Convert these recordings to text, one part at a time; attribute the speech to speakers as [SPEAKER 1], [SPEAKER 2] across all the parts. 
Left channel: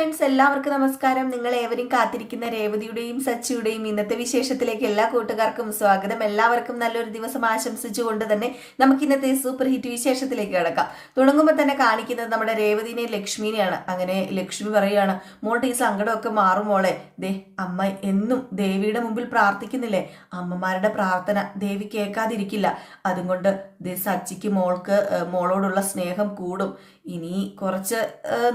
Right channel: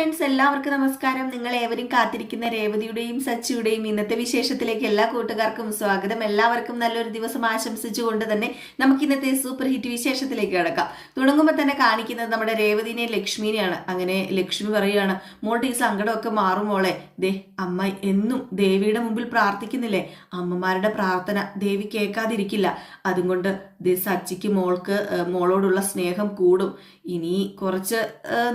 [SPEAKER 1] Friends എല്ലാവർക്കും നമസ്കാരം. നിങ്ങൾ ഏവരും കാത്തിരിക്കുന്ന രേവതിയുടെയും സച്ചിയുടെയും ഇന്നത്തെ വിശേഷത്തിലേക്ക് എല്ലാ കൂട്ടുകാർക്കും സ്വാഗതം. എല്ലാവർക്കും നല്ലൊരു ദിവസം ആശംസിച്ചുകൊണ്ട് തന്നെ നമുക്ക് ഇന്നത്തെ സൂപ്പർ ഹിറ്റ് വിശേഷത്തിലേക്ക് കിടക്കാം. തുടങ്ങുമ്പോൾ തന്നെ കാണിക്കുന്നത് നമ്മുടെ രേവതിനെ ലക്ഷ്മിനെയാണ്. അങ്ങനെ ലക്ഷ്മി പറയുകയാണ് മോളുടെ ഈ സങ്കടമൊക്കെ മാറും മോളെ. ദേ അമ്മ എന്നും ദേവിയുടെ മുമ്പിൽ പ്രാർത്ഥിക്കുന്നില്ലേ? അമ്മമാരുടെ പ്രാർത്ഥന ദേവി കേൾക്കാതിരിക്കില്ല. അതുകൊണ്ട് ദേ സച്ചിക്ക് മോൾക്ക് മോളോടുള്ള സ്നേഹം കൂടും. ഇനി കുറച്ച്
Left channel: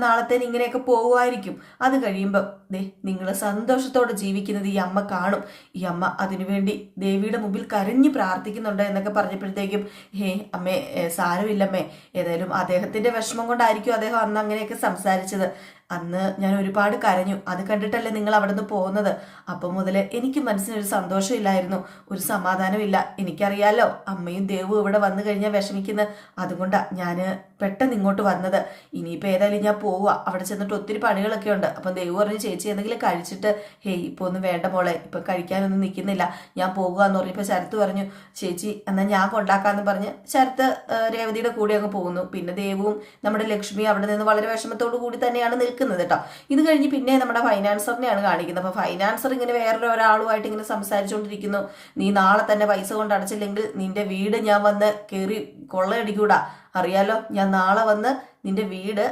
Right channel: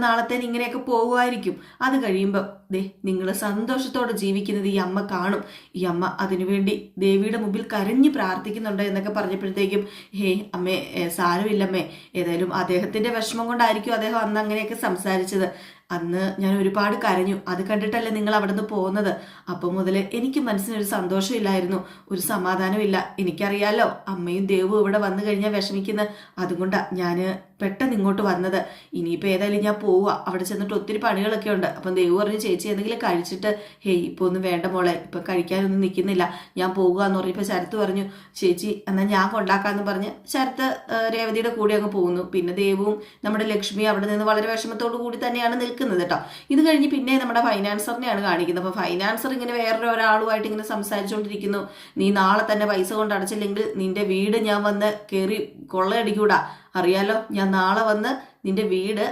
[SPEAKER 1] നാളത്തേന് ഇങ്ങനെയൊക്കെ പോകുമായിരിക്കും അത് കഴിയുമ്പോൾ ദേ നിങ്ങൾ സന്തോഷത്തോടെ ജീവിക്കുന്നത് ഈ അമ്മ കാണും. ഈ അമ്മ അതിനുവേണ്ടി ദേവിയുടെ മുമ്പിൽ കരഞ്ഞു പ്രാർത്ഥിക്കുന്നുണ്ട് എന്നൊക്കെ പറഞ്ഞപ്പോഴത്തേക്കും ഹേ അമ്മേ സാരമില്ലമ്മേ. ഏതായാലും അദ്ദേഹത്തിന്റെ വിഷമം കൊണ്ടായിരിക്കും അദ്ദേഹം അന്ന് അങ്ങനെയൊക്കെ സംസാരിച്ചത്. അന്ന് ഞാൻ ഒരുപാട് കരഞ്ഞു. അത് കണ്ടിട്ടല്ലേ നിങ്ങൾ അവിടെ നിന്ന് പോകുന്നത്? അപ്പം മുതൽ എനിക്ക് മനസ്സിനൊരു സന്തോഷമില്ലായിരുന്നു. ഒരു സമാധാനമില്ല. എനിക്കറിയാലോ അമ്മയും ദേവും ഇവിടെ വന്നു കഴിഞ്ഞാൽ വിഷമിക്കുന്നത് അതുകൊണ്ടാണ് ഞാൻ പെട്ടെന്ന് ഇങ്ങോട്ട് വന്നത്. ഇനിയിപ്പോൾ ഏതായാലും ഞാൻ പോവുക അവിടെ ചെന്നിട്ട് ഒത്തിരി പണികളൊക്കെ ഉണ്ട്. അപ്പം ദൈവം പറഞ്ഞ് ചേച്ചി എന്തെങ്കിലും കഴിച്ചിട്ട് ഹേയ് ഇപ്പോൾ ഒന്നും വേണ്ട മോളെ. ഇപ്പം കഴിക്കാനൊന്നും നിൽക്കുന്നില്ല. ഞാൻ പോകുക എന്ന് പറഞ്ഞപ്പോൾ ശരത്ത് പറഞ്ഞു ചേച്ചി എന്നാൽ ഞാൻ കൊണ്ടാക്കാമെന്ന് പറഞ്ഞ് ശരത്ത് രേവതിയുടെ കൂടെ അങ്ങ് പോകുന്നു. പിന്നെ ദേവവും നമ്മുടെ ലക്ഷ്മി അവിടെ നിന്ന് വളരെ വിഷമത്തോടു കൂടി തന്നെയാണ് നിൽക്കുന്നത് കേട്ടോ. ഇത് കഴിഞ്ഞ് പിന്നെ നമ്മുടെ ഫൈനാൻസറിനെയാണ് കാണിക്കുന്നത്. അപ്പോൾ ഫൈനാൻസർ ഇങ്ങനെ വേറൊരു ഒരാളുമായിട്ട് ഇങ്ങനെ സംസാരിച്ചുകൊണ്ടിരിക്കുന്നു. നീ നാളെ തന്നെ പൈസ കൊണ്ട് അടച്ചില്ലെങ്കിൽ നിന്റെ വീട് ഞാൻ വന്ന് കയറി കൊള്ളയടിക്കൂടാ. അറിയാലോ ഞാൻ നാളെ വന്ന് നിന്റെ വീട്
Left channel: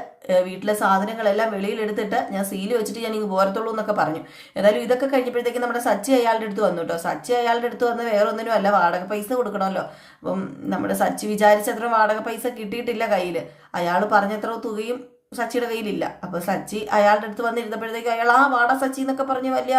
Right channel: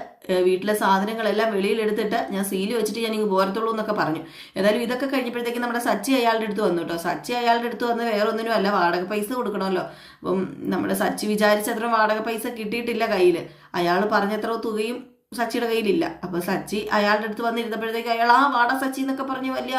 [SPEAKER 1] വീട്ടിലെ സാധനങ്ങളെല്ലാം വെളിയിലെടുത്തിട്ട് ഞാൻ സീൽ വെച്ചിട്ട് ഞാൻ ഇങ്ങ് പോരത്തുള്ളൂ എന്നൊക്കെ പറഞ്ഞു. ഏതായാലും ഇതൊക്കെ കഴിഞ്ഞപ്പോഴത്തേക്ക് നമ്മുടെ സച്ചി അയാളുടെ അടുത്ത് വന്നു കേട്ടോ സച്ചി അയാളുടെ അടുത്ത് വന്ന് വേറെ ഒന്നിനും അല്ല വാടക പൈസ കൊടുക്കണമല്ലോ. അപ്പം നമ്മുടെ സച്ചി വിചാരിച്ചത്ര വാടക പൈസ കിട്ടിയിട്ടില്ല കയ്യിൽ അയാൾ പറഞ്ഞത്ര തുകയും സച്ചിയുടെ കയ്യിലില്ല. അപ്പൊ സച്ചി അയാളുടെ അടുത്ത് വന്നിരുന്നപ്പോഴത്തേക്ക് അയാൾ ആ വാടാ സച്ചി എന്നൊക്കെ പറഞ്ഞ് വലിയ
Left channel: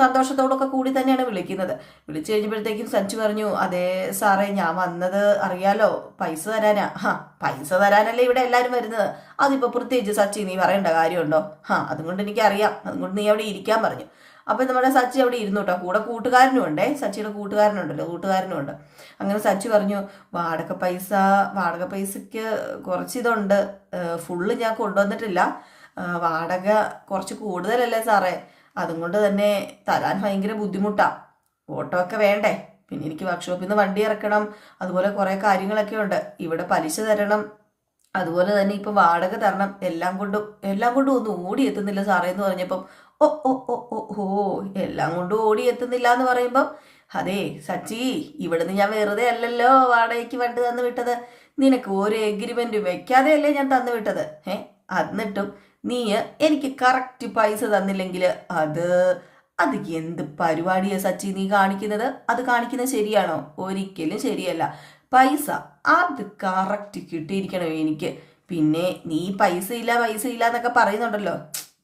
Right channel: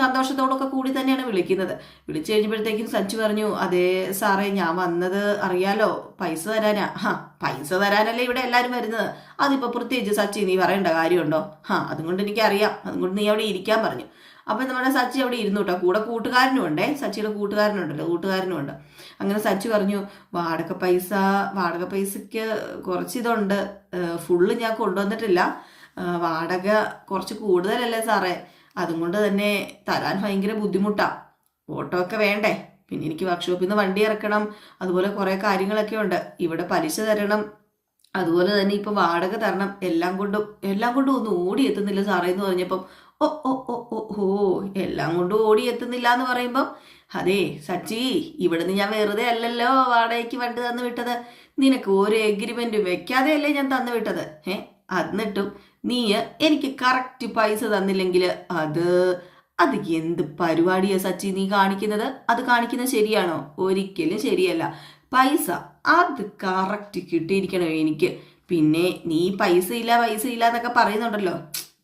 [SPEAKER 1] സന്തോഷത്തോടൊക്കെ കൂടി തന്നെയാണ് വിളിക്കുന്നത്. വിളിച്ചു കഴിഞ്ഞപ്പോഴത്തേക്കും സച്ചി പറഞ്ഞു അതെ സാറേ ഞാൻ വന്നത് അറിയാലോ പൈസ തരാനാ. ഹാ പൈസ തരാനല്ലേ ഇവിടെ എല്ലാവരും വരുന്നത്. അതിപ്പോ പ്രത്യേകിച്ച് സച്ചി നീ പറയേണ്ട കാര്യമുണ്ടോ? ഹാ അതുകൊണ്ട് എനിക്കറിയാം. അതുകൊണ്ട് നീ അവിടെ ഇരിക്കാൻ പറഞ്ഞു. അപ്പം നമ്മുടെ സച്ചി അവിടെ ഇരുന്നു കേട്ടോ കൂടെ കൂട്ടുകാരനും ഉണ്ടേ. സച്ചിയുടെ കൂട്ടുകാരനുണ്ടല്ലോ. കൂട്ടുകാരനും ഉണ്ട്. അങ്ങനെ സച്ചി പറഞ്ഞു വാടക പൈസ വാടക പൈസയ്ക്ക് കുറച്ച് ഇതുണ്ട് ഫുള്ള് ഞാൻ കൊണ്ടുവന്നിട്ടില്ല. വാടക കുറച്ച് കൂടുതലല്ലേ സാറേ? അതും കൊണ്ട് തന്നെ തരാൻ ഭയങ്കര ബുദ്ധിമുട്ടാണ് ഓട്ടോ ഒക്കെ വേണ്ടേ? പിന്നെ എനിക്ക് വർക്ക്ഷോപ്പിൽ നിന്ന് വണ്ടി ഇറക്കണം. അതുപോലെ കുറേ കാര്യങ്ങളൊക്കെ ഉണ്ട്. ഇവിടെ പലിശ തരണം. അതുപോലെ തന്നെ ഇപ്പം വാടക തരണം. എല്ലാം കൊണ്ടും എല്ലാം കൊണ്ടും ഒന്നും ഓടി എത്തുന്നില്ല സാറേ എന്ന് പറഞ്ഞപ്പം ഓ ഓ ഓ ഓ ഓ എല്ലാം കൊണ്ടും ഓടി എത്തുന്നില്ല എന്ന് പറയുമ്പം അതെ സച്ചി ഇവിടുന്ന് ഞാൻ വെറുതെ അല്ലല്ലോ വാടകയ്ക്ക് വണ്ടി തന്നു വിട്ടത്. നിനക്ക് ഒരു വെക്കാതെ അല്ലേ ഞാൻ തന്നു വിട്ടത്? ഏ എന്നിട്ടും നീ എനിക്ക് കറക്റ്റ് പൈസ തന്നില്ലെങ്കിൽ അത് അത് എന്ത് പരിപാടിയാ സച്ചി നീ കാണിക്കുന്നത്? അത് കാണിക്കുന്നത് ശരിയാണോ? ഒരിക്കലും ശരിയല്ല. പൈസ അത് കറക്റ്റ് കിട്ടിയിരിക്കണം എനിക്ക്. പിന്നെ നീ പൈസ ഇല്ല പൈസ ഇല്ല എന്നൊക്കെ പറയുന്നുണ്ടല്ലോ.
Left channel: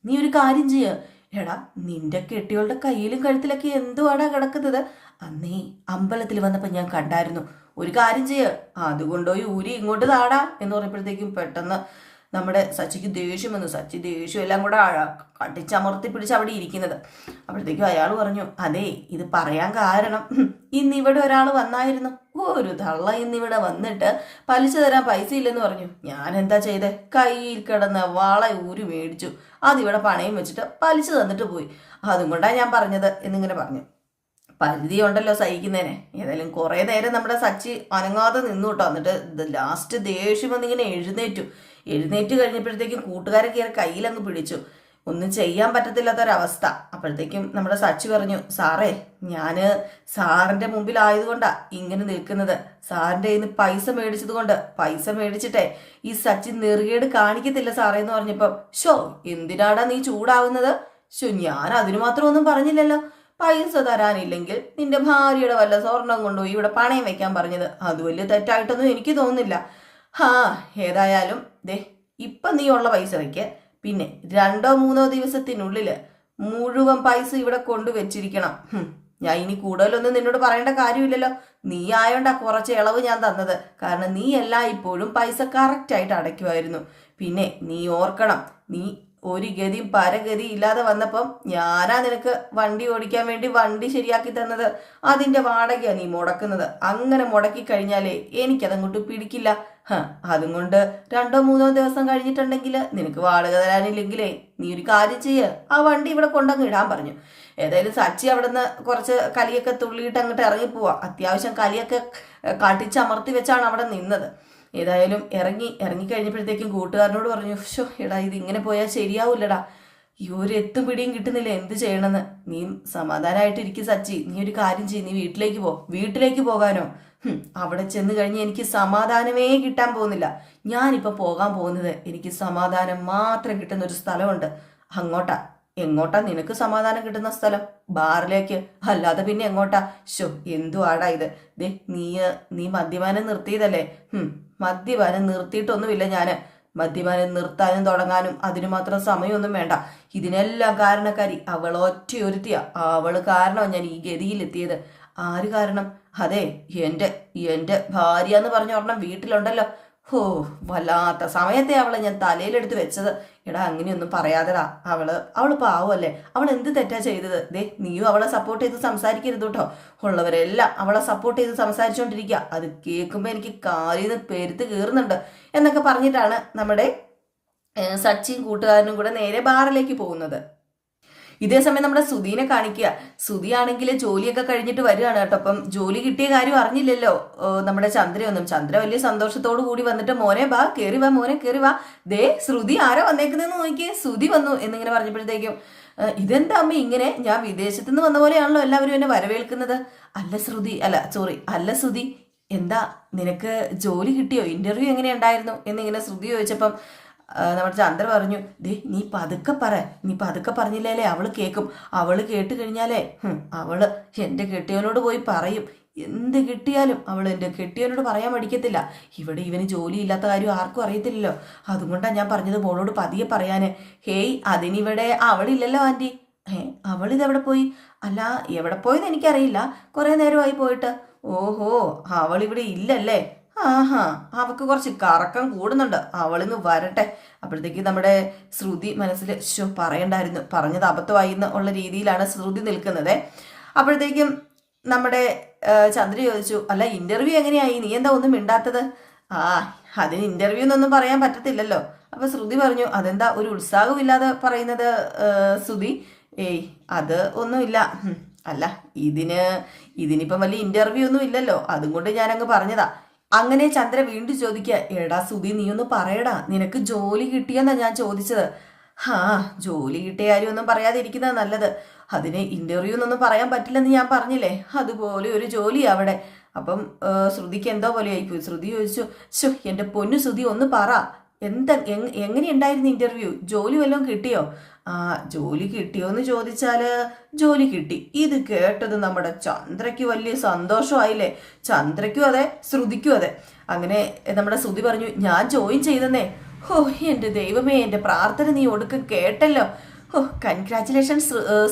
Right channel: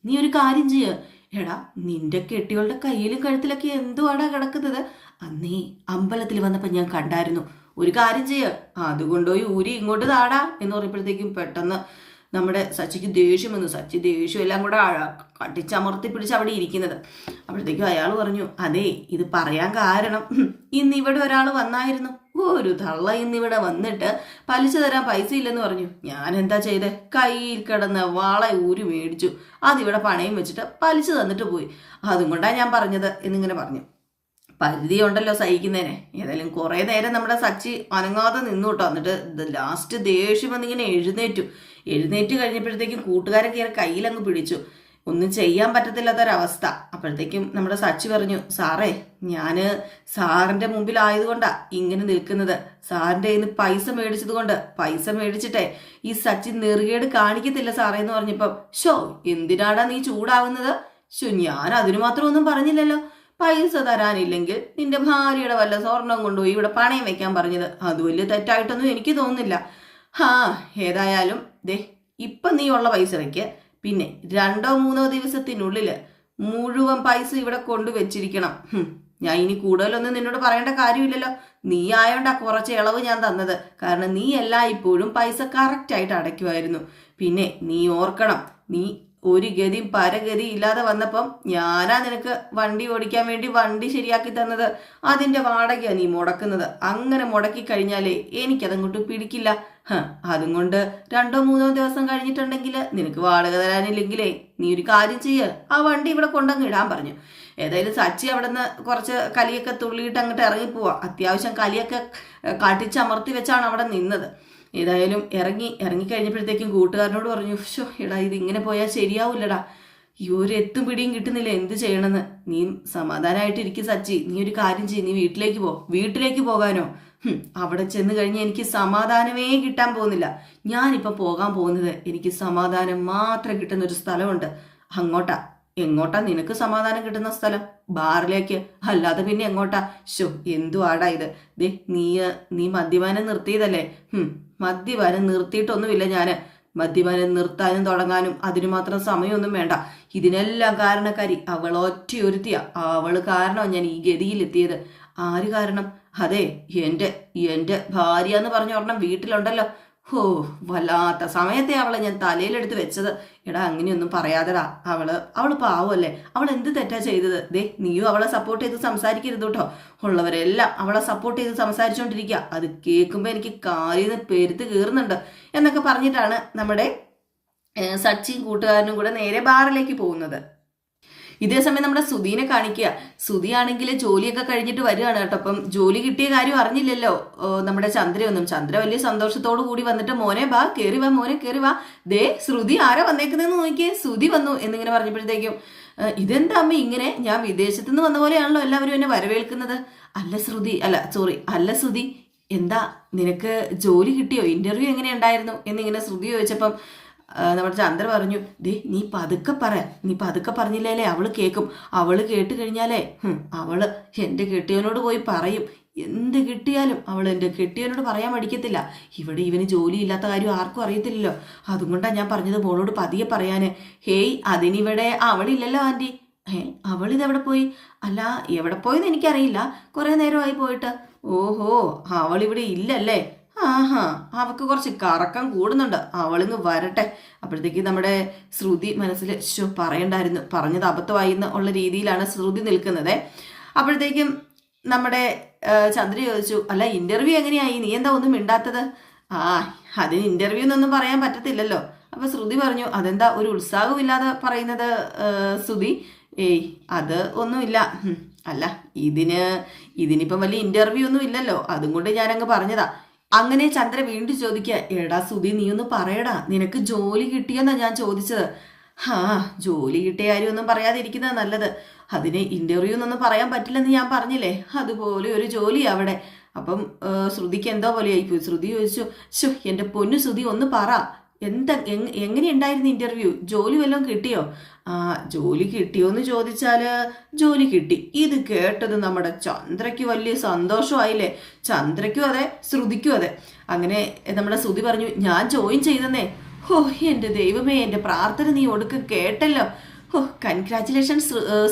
[SPEAKER 1] നീ ഒരു കാര്യം ചെയ്യ. എടാ നിന്റെ കെട്ടികളുടെ കയ്യിലും കഴുത്തിലൊക്കെ എന്തുവാടാ കിടക്കുന്നത്? അന്നേ അമ്പലത്തിൽ വന്നപ്പോൾ ഞാൻ കണ്ടായിരുന്നു. ഒരു കാര്യം ചെയ്യ അതുകൊണ്ടുപോയി ഊരി ഇങ്ങോട്ട് താടാ എന്ന് പറഞ്ഞപ്പോഴത്തേക്കും പെട്ടെന്ന് നമ്മുടെ സച്ചിക്ക് ദേഷ്യം വന്നു. സച്ചി ദേഷ്യം എല്ലാം കൂടെ കടിച്ചമർത്തി പിടിച്ച് അവിടെ ഇരിക്കുന്നത്. അപ്പോഴത്തേക്കും അയാൾ പറഞ്ഞു അതെ ഇത് പറയാൻ കാരണം ഇന്ന് ഇവിടെ ഒരാൾ വന്നായിരുന്നു. ഒരു തള്ള ഇന്നിവിടെ വന്നിട്ട് പലിശ തരാൻ പൈസ ഇല്ലെന്ന് പറഞ്ഞു. ഞാൻ എന്താ ചെയ്തേ? കയ്യിൽ കിടന്ന് വള ഊരി മേടിച്ചു. അതിവിടെ പണയം വെച്ചിട്ട് പലിശ തന്നിട്ട് പോയി. അതും കൊണ്ടാണ് ഞാൻ പറഞ്ഞത് എന്നിങ്ങനെ പറഞ്ഞു. പരിധി ഉണ്ടല്ലോ സഹിക്കുന്നതിന്. ഏതായാലും കുറേ നേരം നമ്മുടെ സച്ചി അനങ്ങാതെ നിന്നു കേട്ടോ. എന്നിട്ട് ലാസ്റ്റ് ദേഷ്യം വന്നിങ്ങനെ എഴുന്നേറ്റു. എഴുന്നേറ്റ് കഴിഞ്ഞപ്പോഴത്തേക്കും കൂട്ടുകാരെ കയറി കയ്യിലങ്ങ് പിടിച്ചു. ഒന്നും ചെയ്യാൻ പറ്റത്തില്ലാത്തൊരവസ്ഥ. അപ്പോഴത്തേക്കും നമ്മുടെ സച്ചി പറഞ്ഞു സാറേ ഞാൻ സാറിന്റെ മുമ്പിലായതുകൊണ്ടാ ഇങ്ങനെ നിൽക്കുന്നത്. സാറിന്റെ നിന്ന് പൈസ മേടിച്ചത് കൊണ്ട് പൈസ മേടിച്ചിട്ടേ ഈ സച്ചി നെറുകേട് കാണിക്കത്തില്ല സാറേ എന്ന് പറഞ്ഞപ്പം ഷോ എന്തിനാടാ നീ ചൂടാവുന്നത്? ഷോ ഞാൻ അതിനു മാത്രം ഒന്നും പറഞ്ഞില്ലല്ലോ. പൈസ തരാനില്ലെങ്കിൽ നിന്റെ ഭാര്യയുടെ വല്ല സ്വർണം കൊണ്ടുപോയി ഇവിടെ പണയം വെക്കാൻ പറഞ്ഞത്. അത് വലിയ തെറ്റായിട്ടൊന്നും എനിക്ക് തോന്നുന്നില്ല. ഹാ ഏതായാലും ദേ ഇപ്പം നീ ഉള്ള പൈസ വെക്ക് പിന്നെ രണ്ടോ മൂന്നോ ദിവസത്തിനുള്ളിൽ മുഴുവൻ പൈസ ഇവിടെ കൊണ്ടുവച്ചിരിക്കണം ഞാൻ ഇനി കൂടുതലൊന്നും നിന്നോട് പറയേണ്ട കാര്യമില്ലല്ലോ. നീ ആയോണ്ടാ കുറച്ച് ഇളവ് ഞാൻ തന്നത്. കാരണം നീ എല്ലായ്പ്പോഴും പൈസ കറക്റ്റായിട്ട് അടയ്ക്കുമായിരുന്നു. പിന്നെ നീ ഓർക്കണം നീ ഒരു ഗതിയും പരഗതി ഇല്ലാതെ വന്നപ്പം ഞാനാ നിനക്ക് വണ്ടി ഓടിക്കാൻ വേണ്ടി വണ്ടി ശരിയാക്കി തന്നത്. അതിന്റെ വാടകയാണ് നീ മുടക്കുന്നത്. അങ്ങനെ മുടക്കി കഴിഞ്ഞാലേ എനിക്കതങ്ങോട്ട് പിടിക്കില്ല. അതും കൊണ്ട് രണ്ടോ മൂന്നോ ദിവസം കഴിഞ്ഞിട്ടുണ്ടെങ്കിൽ നിനക്ക് വാടക തരാനില്ലെങ്കിലേ നീ ഒരു കാര്യം ചെയ്യ. ആ വണ്ടി ഇവിടെ കൊണ്ടങ്ങ് ഇടാൻ പറഞ്ഞു. ഏതായാലും സച്ചി അവിടെ നിന്ന് കുറച്ച് കലിയൊക്കെ തുള്ളിയിട്ട് അങ്ങോട്ട് ഇറങ്ങിപ്പോവാ അത്യാവശ്യം കലിയൊക്കെ കാട്ടിച്ചമർത്തി വെച്ചാണ് അവിടെ നിന്നത്. ഏതായാലും ഇറങ്ങി ഇറങ്ങി കഴിഞ്ഞപ്പോഴത്തേക്കും കൂട്ടുകാരനോട് പറഞ്ഞു ഷോ എടാ ഇത് ഇങ്ങനെ പോയാൽ ശരിയാവില്ലടാ. ഈ ഒരു എത്തും പിടിയും കിട്ടുന്നില്ല എന്ത് ചെയ്യണമെന്ന്. നീ സമാധാനമായിട്ടിരിക്കും സച്ചി. നീ ഒരു കാര്യം ചെയ്യ്. നീ വീട്ടിലേക്ക് പോ. വീട്ടിലേക്ക് പോകാനോ? അവിടെ ചെന്ന് കഴിഞ്ഞ് എനിക്ക് സമാധാനമേ കിട്ടാൻ പോകുന്നില്ല. ഞാനിപ്പോൾ പോകാൻ പോകുന്നത് എനിക്ക് സമാധാനം മാത്രം കിട്ടുന്ന ഒരു സ്ഥലമുണ്ട്. അങ്ങോട്ടാ എങ്ങോട്ടാ നിനക്ക് സമാധാനം കിട്ടുന്ന സ്ഥലം? ബാറിലേക്ക് അല്ലാതെ പിന്നെ എങ്ങോട്ടാ? ശോ എന്തു ആടാ ഇത്? ദേ നീ നീ മദ്യപാനം നിർത്തിയതല്ലേ? ഹും, മദ്യപാനം നിർത്തിയിട്ടൊന്നുമില്ല ഞാൻ മദ്യപാനം നിർത്താനും തുടങ്ങാനും അതിനു മാത്രം സമയമൊന്നും വേണ്ട. ഇതിനെല്ലാം കാരണക്കാരി അവൾ ഒറ്റയൊരുത്തിയ. അവൾ കാരണമാണ് ഞാൻ ഈ ഗതിയിലെത്തിയത്? ആര് കാരണം? അതെ എന്റെ എന്റെ ഭാര്യ എന്ന് പറഞ്ഞ ഒരെണ്ണം വീട്ടിലുണ്ടല്ലോ. ഹോ വല്ലാത്ത സമയത്തെ അവളെ ഞാൻ തലയിലെടുത്ത് വെച്ചത്. എടാ അങ്ങനെയൊന്നും പറയാതെടാ. അവൾ അവൾ പാവമല്ലേ അവൾ എന്ത് തെറ്റാ ചെയ്തത്? ദേ നീയും അവളെ സപ്പോർട്ട് ചെയ്ത് സംസാരിക്കരുത് കേട്ടോ. ഉള്ളവരെല്ലാം അവളെ സപ്പോർട്ട് ചെയ്ത് സംസാരിച്ചുകൊണ്ടിരിക്കുക അത് കേൾക്കുമ്പോൾ എനിക്ക് കാലിൽ നിന്ന് പെരുത്ത് കീറുന്നുണ്ട് എന്നൊക്കെ പറഞ്ഞിട്ടാണ് നമ്മുടെ സച്ചിൻ കൂട്ടുകാരനും കൂടെ നേരെ ബാറിലേക്ക് പോകുന്നത്. ഇതേ സമയം നമ്മുടെ സുധീനെ കാണിക്കുക. സുധിയാണെങ്കിൽ ജോലിയൊക്കെ കഴിഞ്ഞിട്ട് വരികയാണ് കേട്ടോ. അപ്പം ജോലി കിട്ടിയ കാര്യം അറിഞ്ഞില്ലല്ലോ നമ്മുടെ ചന്ദ്രയൊന്നും ചന്ദ്ര വലിയ സന്തോഷത്തോടു കൂടി വന്നിട്ട് മോനെ ബാ കയറി വാ മോനെ കയറി വാ. ദേ ശ്രുതി ആരാ വന്നേക്കുന്നതെന്ന് നോക്കിയേ ശ്രുതി വന്നു എന്നിങ്ങനെ പറഞ്ഞപ്പോഴത്തേക്കും ഇതെന്താ അമ്മ ഇങ്ങനെ? ഞാൻ വിദേശത്തു നിന്ന് വന്ന പോലെയാണല്ലോ എല്ലാവരും എന്നെ വരവേൽക്കുന്നത്. അല്ല ശ്രുതി അല്ല സോറി അല്ല ശ്രുതി എന്താ നിനക്ക് ജോലി കിട്ടിയോ? ഇന്റർവ്യൂ എങ്ങനെയുണ്ടായിരുന്നു? എന്നിങ്ങനെ ശ്രുതി ചോദിച്ചപ്പം നമ്മുടെ ചന്ദ്ര പറഞ്ഞു ദേ നീ പതുക്കെ പറ. നീ പതുക്കെ പറഞ്ഞില്ലേലേ അവൾ കേൾക്കും അവൾ കേട്ട് കഴിഞ്ഞാലേ അവൾ എന്റെ കെട്ടിയവനോട് പോയി പറയും. എന്ത് കിട്ടിയാലും അവൾ എന്റെ കെട്ടിയവനോട് പറയാൻ മടിക്കത്തില്ല. ഇവിടെ ഇവന് ജോലിയില്ലാത്ത കാര്യം ആർക്കും അറിയത്തില്ലല്ലോ. അതുകൊണ്ടാണ് ഞാൻ പറഞ്ഞത് മോളോട് പതിയെ പറയാന്. ഹേയ് അതിനിവിടെ അവളില്ലല്ലോ ആന്റി ഏ അവളിതെവിടെ പോയി? അല്ല എവിടെ പോയെന്ന് എനിക്കറിയില്ല. കുറേ നേരമായി പോയിട്ട്. ഓഹോ അവളിവിടെ ഇല്ലല്ലേ? ആഹാ അവക്ക് കുറച്ച് കറക്കം കൂടുന്നുണ്ട്. അവളിങ്ങ് വരട്ടെ. അപ്പോഴത്തേക്ക് നമ്മുടെ ശ്രുതി മനസ്സിൽ ശോ പറയണ്ടായിരുന്നു. പറഞ്ഞത് അബദ്ധമായി ഉള്ള രീതിയിലാണ് ശ്രുതി നിൽക്കുന്നത്. അപ്പോഴത്തേക്കും നമ്മുടെ ചന്ദ്ര ചോദിച്ചു അല്ല ഇന്റർവ്യൂ എങ്ങനെയായി? നീ എന്താ ഒന്നും മിണ്ടാത്തത്? ആ അതിന് ഇന്റർവ്യൂ എന്നൊന്നും പറയാൻ പറ്റത്തില്ലല്ലോ. അപ്പൊ ശ്രുതി പറഞ്ഞു അതെന്താ ഒരു ഉത്സാഹമില്ലാതെ പറയുന്നത് ശ്രുതി? ഏയ് അത് ഒന്നുമില്ല. അല്ല ഇതിന് ഇതിനിപ്പം വലിയ ഇന്റർവ്യൂ ഒന്നും ഇല്ലല്ലോ. അതും കൊണ്ട് ഞാനങ്ങ് പറഞ്ഞതാ. അങ്ങനെ ചന്ദ്ര വീണ്ടും ചോദിക്കുക എടാ സുധി നീ ഒന്ന് പറയടാ നിനക്ക് ജോലി കിട്ടിയെന്നാ ഞാൻ ചോദിച്ചത്. ആ ജോലി കിട്ടിയ കാര്യമൊന്നും പറയാതിരിക്കുന്നത് നല്ലത്. അതിന് ഇന്റർവ്യൂ എന്നൊന്നും പറയാൻ പറ്റില്ലെന്ന് ഞാൻ പറഞ്ഞില്ലേ? അതുപോലെ ഒരു ജോലി അവിടെ. അപ്പം ശ്രുതിക്ക് എന്തോ പോലെ ആയിപ്പോയി ശ്രുതി ചോദിച്ചു ശോ എന്റെ പൊന്നു ശ്രുതി ഒന്ന് പറ. എന്താ എങ്- എങ്ങനെയുണ്ടായിരുന്നു ഇന്റർവ്യൂ ജോലി വല്ലതും കിട്ടിയോ? ആ ജോലി കിട്ടിയോ എന്ന് ചോദിച്ചാൽ ജോലി കിട്ടി. ഇത് കേട്ടത് നമ്മുടെ ചന്ദ്രയ്ക്ക് വലിയ സന്തോഷമായില്ലേ? ചന്ദ്രയ്ക്കും അതെ ശ്രുതിക്കും അതെ. അങ്ങനെ നമ്മുടെ ശ്രുതി പറഞ്ഞു ഞാൻ ജോയിൻ ചെയ്തെന്നേ. ഹോ എന്റെ ദൈവമേ എന്റെ പ്രാർത്ഥന നീ ഒടുക്കം കേട്ടല്ലോ. ഹോ കൺഗ്രാറ്റുലേഷൻ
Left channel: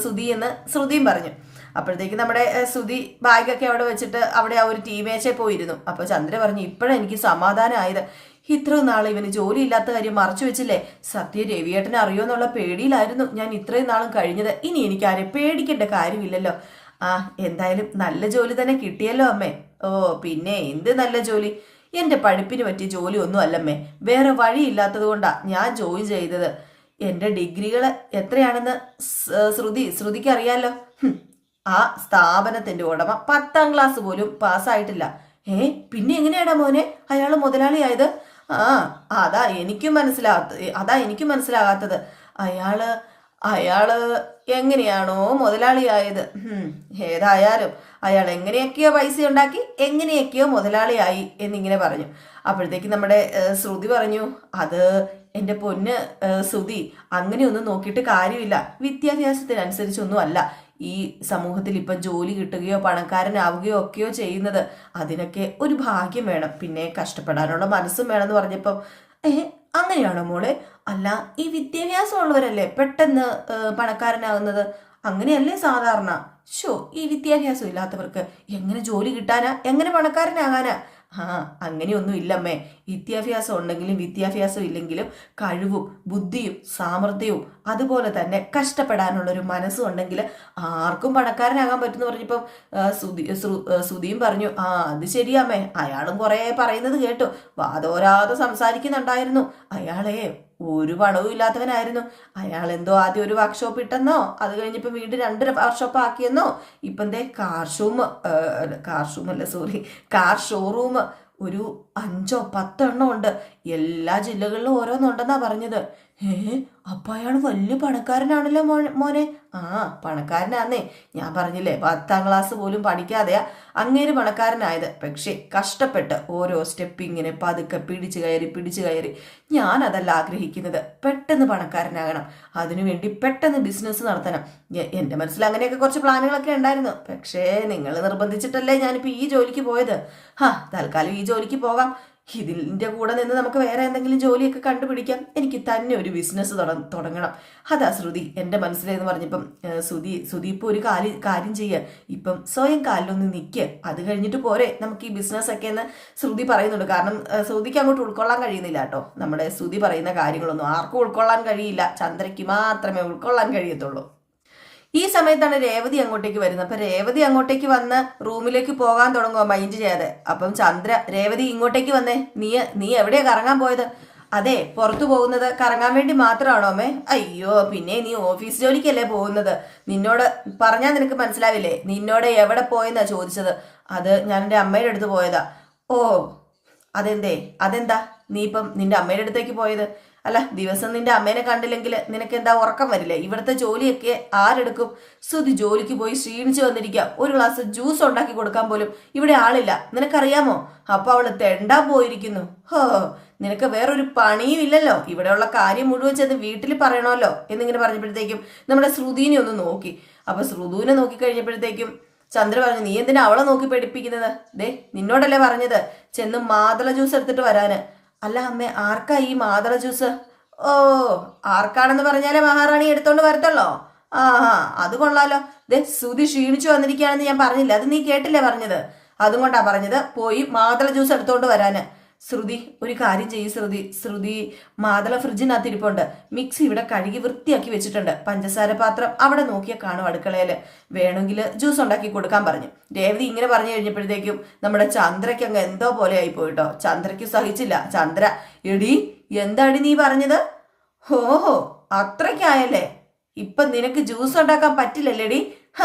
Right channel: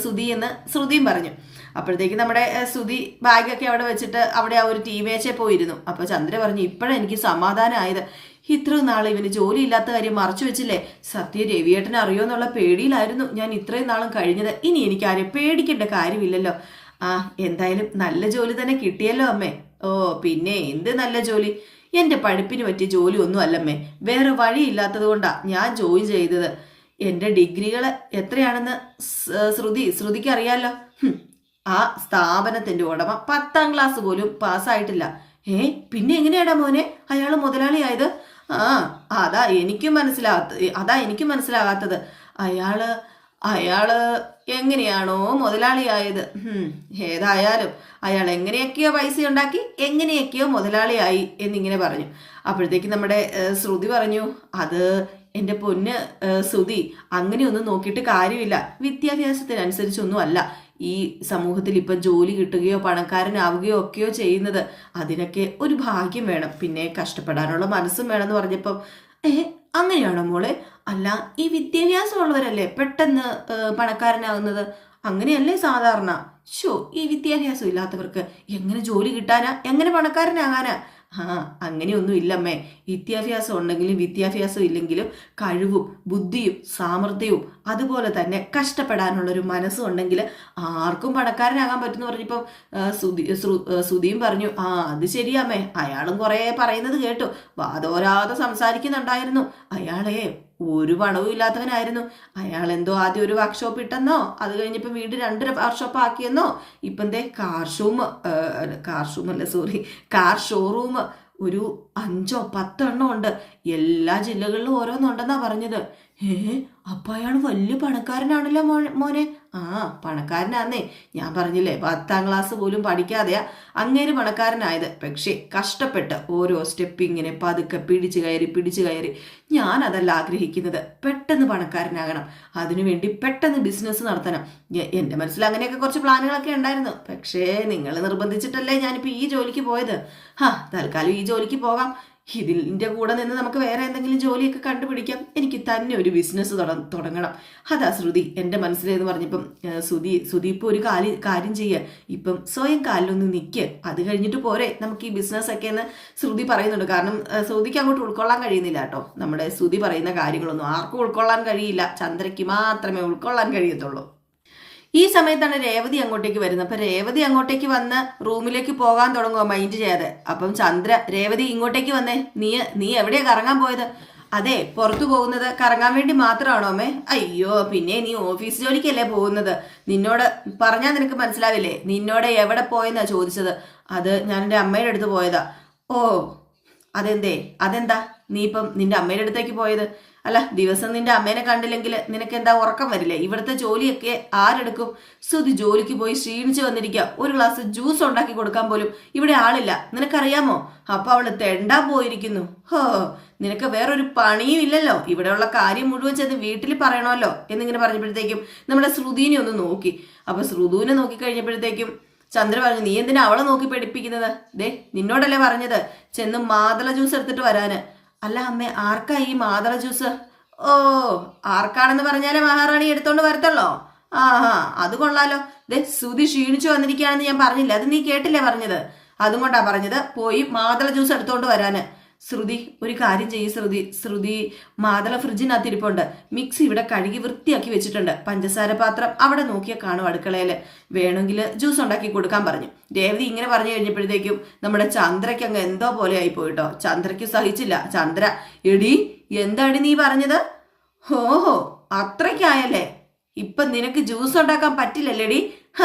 [SPEAKER 1] ശ്രുതി എന്ന് ശ്രുതിയും പറഞ്ഞു. അപ്പോഴത്തേക്ക് നമ്മുടെ ശ്രുതി ബാഗൊക്കെ അവിടെ വെച്ചിട്ട് അവിടെ ആ ഒരു ടീമേച്ചെ പോയിരുന്നു. അപ്പോൾ ചന്ദ്ര പറഞ്ഞു ഇപ്പോഴെനിക്ക് സമാധാനമായത് ഇത്രയും നാൾ ഇവന് ജോലി ഇല്ലാത്ത കാര്യം മറച്ചു വെച്ചില്ലേ? സത്യ രവിയേട്ടനെ അറിയോന്നുള്ള പേടിയിലായിരുന്നു ഞാൻ ഇത്രയും നാളും കഴിഞ്ഞത്. ഇനി എനിക്ക് ആരെ പേടിക്കേണ്ട കാര്യമില്ലല്ലോ. ആ എന്തായാലും നല്ല ജോലി തന്നെ കിട്ടിയല്ലോ അമ്മേ. ഓ പിന്നെ എന്ത് നല്ല ജോലി? എന്റെ പഠിപ്പിന് പറ്റിയ ജോലി ഒന്നും അല്ലമ്മേ. വേറെ വഴിയില്ലാത്തത് കൊണ്ടാ ഞാൻ ജോയിൻ ചെയ്തത്. എന്റെ ഡിഗ്രികൾ എത്രയാണെന്ന് ശ്രുതി ശ്രുതിക്ക് അറിയാലോ ആ സ്ഥാപനത്തിന്റെ ഉടമ പത്താം ക്ലാസ് പോലും പാസ്സായിട്ടില്ല. ഏ പിന്നെ എങ്ങനെയാടാ മോനെ? അയാൾ മുതലാളിയായത് ആ അതാ എനിക്കും മനസ്സിലാകാത്ത അതാ എനിക്കും മനസ്സിലാകാത്തത്. അയാൾ അയാൾ എങ്ങനെയാണോ മുതലാളിയായത്. ഏതായാലും അയാൾ എങ്ങനെയൊക്കെയോ പൈസ ഉണ്ടാക്കി എങ്ങനെയൊക്കെയോ മുതലാളിയായി എന്നിങ്ങനെ പറഞ്ഞു. അപ്പോഴത്തേക്ക് നമ്മുടെ ശ്രുതി പറഞ്ഞു അത് എന്റെ പൊന്ന് ശ്രുതി അങ്ങനെയൊന്നും നോക്കിയിട്ട് കാര്യമില്ല. വിദ്യാഭ്യാസത്തിനനുസരിച്ചൊന്നും അല്ല ഈ സമൂഹത്തിൽ ഇപ്പം ജോലി കിട്ടുകയോ പണക്കാരനാവുകയോ ഒക്കെയോ ചെയ്യുന്നത് അതിനൊക്കെ ഒരു ഭാഗ്യം വേണം. പിന്നെ കഷ്ടപ്പെടാനുള്ള മനസ്സും വേണമെന്ന് പറഞ്ഞപ്പം ഏ അങ്ങനെയാണോ മോളെ? അല്ല ഈ വിദ്യാഭ്യാസമുള്ളവരല്ലേ പെട്ടെന്ന് പണക്കാരനാകുന്നത് അങ്ങനെയല്ലേ സാധാരണ? ഷോ ഈ വിദ്യാഭ്യാസം ഇല്ലാത്തവർക്ക് എങ്ങനെ ജോലി കിട്ടാനാ? എങ്ങനെ പണക്കാരനാകാനാ? ആ അങ്ങനെയൊന്നും ഇല്ലമ്മേ വിദ്യാഭ്യാസം ഉണ്ടെങ്കിലും വിദ്യാഭ്യാസം ഇല്ലെങ്കിലും കഴിവും ബുദ്ധിയും സാമർഥ്യവും അതുപോലെ തന്നെ കഷ്ടപ്പെടാനുള്ളൊരു മനസ്സും ഉണ്ടെങ്കിൽ ആർക്കും പണക്കാരനാകാൻ പറ്റുമെന്ന് പറഞ്ഞപ്പോൾ സുധി ശ്രു- പറഞ്ഞു ആ അത് ശരിയാമ്മേ. അയാളും കുറേ പറയുന്നത് കേട്ടു. വാതോരാതെ സംസാരിക്കുന്നുണ്ടായിരുന്നു. അയാളെ ഒരു പണവും ഇല്ലാത്തവനായിരുന്നു. അയാൾ എന്തോ ആദ്യം ഒരു വർക്ക്ഷോപ്പ് ഇട്ടെന്നോ? അത് കഴിഞ്ഞപ്പോൾ വീട് രണ്ട് വർക്ക്ഷോപ്പ് ആക്കിയെന്നോ? ഇപ്പം ദേ കാർ ഷൂം കാർ ഷൂം അല്ല സോറി കാർ ഷോറൂം ഒരു അഞ്ചോ പത്തോ എണ്ണം ഉണ്ട്. എല്ലാ ജില്ലകളിലും ഓരോന്നുണ്ടെന്നാണ് പറഞ്ഞത്. ഏ അപ്പ അയാൾ വലിയ പണക്കാരനാണല്ലോ മോ മോനെ? ആ പണക്കാരനാന്നേ. ഞാൻ പറഞ്ഞില്ലേ പത്താം ക്ലാസ് പോലും പഠിക്കാതെയാ അങ്ങേര് പണക്കാരനായത്. പക്ഷേ കഷ്ടപ്പെട്ട് ഓരോ സ്റ്റെപ്പ് ഇങ്ങനെ പതുക്കെ പിടിച്ചു കയറി പിടിച്ചു കയറി. ഞാൻ അതല്ല ആഗ്രഹിക്കുന്നത്. പെട്ടെന്ന് പണക്കാരനാകണം. അതിനുവേണ്ടി പെട്ടെന്ന് ബിസിനസ് നടത്തണം. എന്റെ മനസ്സിൽ അങ്ങനെയൊക്കെ കുറച്ച് പ്ലാനുകളൊക്കെ ഉണ്ടായിരുന്നു. പക്ഷേ നിങ്ങൾ നിർബന്ധിച്ചിട്ടല്ലേ ഞാനിപ്പോൾ ഈ ജോലിക്ക് പോയത്? ഹാ തൽക്കാലം ഈ ജോലിക്ക് പോകാം ഇതിന്റെ കൂടെ നിന്ന് നമുക്ക് വേറെ എന്തെങ്കിലും ജോലിയൊക്കെ കണ്ടുപിടിക്കാം. എനിക്ക് തന്നെ ഒരു ബിസിനസ് തുടങ്ങണം. അതാ ശ്രുതി എന്റെ മനസ്സിലേന്ന് പറഞ്ഞപ്പം ശ്രുതി ശ്രുതി ഇപ്പോൾ ഒരു കാലി കാര്യം ചെയ്യുക ഇപ്പം സ്വയം കാലിലൊന്ന് നിൽക്കുക അത് കഴിഞ്ഞിട്ട് പോരെ. നമുക്ക് ഈ ബിസിനസ് ഒക്കെ എന്ന് ശ്രുതി പറയുന്നുണ്ട്. കാരണം ശ്രുതിക്ക് അങ്ങോട്ട് ഉൾക്കൊള്ളാൻ കഴിയുന്നില്ല കേട്ടോ. നമ്മുടെ ശ്രുതി പറയുന്ന കാര്യങ്ങളൊന്നും ആർക്കും ഉൾക്കൊള്ളാൻ കഴിയില്ല. ചന്ദ്രയ്ക്ക് മാത്രമേ ഉൾക്കൊള്ളാൻ കഴിയത്തുള്ളൂ. ഈ സമയത്താണ് രേവതി അങ്ങോട്ടേക്ക് വരുന്നത്. അപ്പൊ രേവതി അങ്ങോട്ടേക്ക് വന്ന് റൂമിലേക്ക് പോകാൻ തുടങ്ങുക മൈൻഡ് ചെയ്യാതെ. അപ്പം ചന്ദ്ര രേവതി ഇങ്ങോട്ടേക്ക് വന്നേ. നീ നീ എവിടെയാ കറങ്ങാൻ പോയത്? അതെ പുറത്തു പോകുന്നത് കറങ്ങാൻ വേണ്ടി മാത്രമാണോ അമ്മേ? അയ്യോ പിന്നെ നീ ഓഫീസ് ജോലിക്കല്ലേ പോകുന്നത്? നിന്നോട് പറഞ്ഞാൽ നിനക്ക് മനസ്സിലാവില്ലേ? നിന്നോട് എവിടെ പോയെന്നാ ചോദിച്ചത്? അത് ഞാൻ എന്റെ അമ്മയുടെ അടുത്ത് പോയതാ. ഓ അതെന്തേ? അതെന്താ? നീ ഇപ്പം നിന്റെ അമ്മയുടെ അടുത്തേക്ക് പോയത്? അല്ല ദിവസം നിന്റെ അമ്മേനെ കണ്ടില്ലെങ്കിൽ നിനക്ക് എന്താ ഉറക്കം വരില്ലേ? ഇവിടുത്തെ ജോലിയൊക്കെ ആരെടുക്കും? സുതി ജോലിക്ക് പോയി ക്ഷീണിച്ചു വന്നിരിക്കാം. ഒരു ഗ്ലാസ് ജ്യൂസ് ഉണ്ടാക്കി കൊടുക്കാൻ പോലും ഇവിടെ ആളില്ല. നിനക്കറിയാമോ? അപ്പൊ അവൾ തെണ്ടാൻ പോയിരിക്കുന്നു. ഹോ നിനക്ക് വേറൊരു പണിയും ഇല്ലല്ലോ. ഇവിടെയുള്ള കാര്യം മുഴുവൻ ചെന്ന് വീട്ടിൽ പറയണമല്ലോ എന്നിങ്ങനെ പറഞ്ഞപ്പോഴത്തേക്കും നമ്മുടെ ശ്രുതിനെ ഒന്ന് നോക്കി. അപ്പൊ ശ്രുതുവിനെ നോക്കി കഴിഞ്ഞപ്പോഴത്തേക്കും ചന്ദ്ര പറഞ്ഞു നീ എന്തിനാ അവളെ നോക്കി പഠിപ്പിക്കുന്നത് ദേ നിന്നോടല്ലേ പറഞ്ഞത്? ചെന്ന് മാതള ജ്യൂസ് എടുത്തിട്ട് വരാന്. അല്ല അമ്മേ ആർക്കാ ഈ മാതള ജ്യൂസ്? ഓ ആർക്കാണെന്ന് പറഞ്ഞാലേ മഹാറാണി എടുത്തോണ്ട് വരത്തുള്ളോ? ആ അത് കൊള്ളാലോ. ദേ സുതി ക്ഷീണിച്ചു വന്നിരിക്കുകയാണെന്ന് ഞാൻ പറഞ്ഞില്ല? അത് നീ കേട്ടില്ലേ പറഞ്ഞത്? അതും പറഞ്ഞത്. പോയി മാതള ജ്യൂസ് എടുത്തോണ്ട് വരാന്. ശ്രുതി ഒരു കാര്യം ചെയ്യ് ശ്രുതി. ശ്രുതി മാതള ഫ്രിഡ്ജിനകത്ത് ഇരിപ്പുണ്ട് മിക്സി ഇവിടെ കഴുകി വൃത്തിയാക്കി വെച്ചിട്ടുണ്ട്. പഞ്ചസാര പാത്രം അവിടെ നോക്കിയാൽ കാണും അടുക്കളയിൽ. വേണമെങ്കിൽ ജ്യൂസ് ഉണ്ടാക്കി കൊടുക്കാൻ പറഞ്ഞു. രേവതി ഇങ്ങനെ പറഞ്ഞു കഴിഞ്ഞപ്പോഴത്തേക്കും നമ്മുടെ ചന്ദ്രയ്ക്ക് അങ്ങ് എന്തോ പോലെ ആയി പോയിട്ടോ ചന്ദ്രയ്ക്ക് സഹിച്ചില്ല. ചന്ദ്ര എടി എന്താടി നീ പറഞ്ഞത്? ഹോഹോ അത്രയ്ക്കായല്ലേ? ഇപ്പൊ നിനക്ക് ജ്യൂസ് ഉണ്ടാക്കാൻ പറ്റില്ലല്ലേടി? ഹ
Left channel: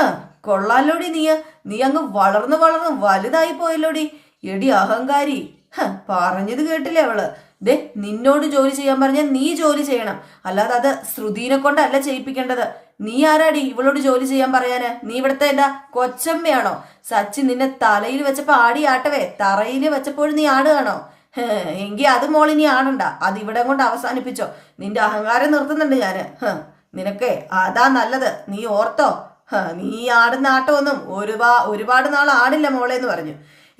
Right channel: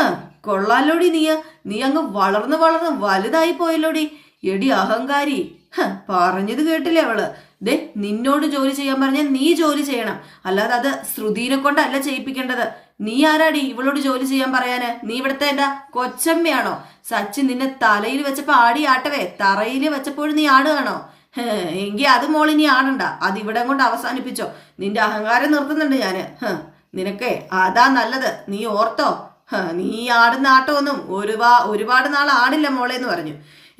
[SPEAKER 1] കൊള്ളാലോടി നീ നീ അങ്ങ് വളർന്നു വളർന്ന് വലുതായി പോയല്ലോടി. എടി അഹങ്കാരി. പറഞ്ഞത് കേട്ടില്ലേ അവൾ? ദേ നിന്നോട് ജോലി ചെയ്യാൻ പറഞ്ഞാൽ നീ ജോലി ചെയ്യണം. അല്ലാതെ അത് ശ്രുതിനെ കൊണ്ടല്ല ചെയ്യിപ്പിക്കേണ്ടത്. നീ ആരാടി ഇവളോട് ജോലി ചെയ്യാൻ പറയാന്? നീ ഇവിടുത്തെ എന്താ കൊച്ചമ്മയാണോ? സച്ചിൻ നിന്നെ തലയിൽ വെച്ചപ്പോ ആടി ആട്ടവേ തറയിൽ വെച്ചപ്പോഴും നീ ആടുകയാണോ? എങ്കി അത് നീ ആടണ്ട. അത് ഇവിടെ കൊണ്ട് അവസാനിപ്പിച്ചോ. നിന്റെ അഹങ്കാരം നിർത്തുന്നുണ്ട് ഞാൻ. നിനക്കേ അതാ നല്ലത്. നീ ഓർത്തോ? നീ ആടുന്ന ആട്ടമൊന്നും ഒരുപാ ഒരുപാട് നാൾ ആടില്ല മോളെ എന്ന് പറഞ്ഞു.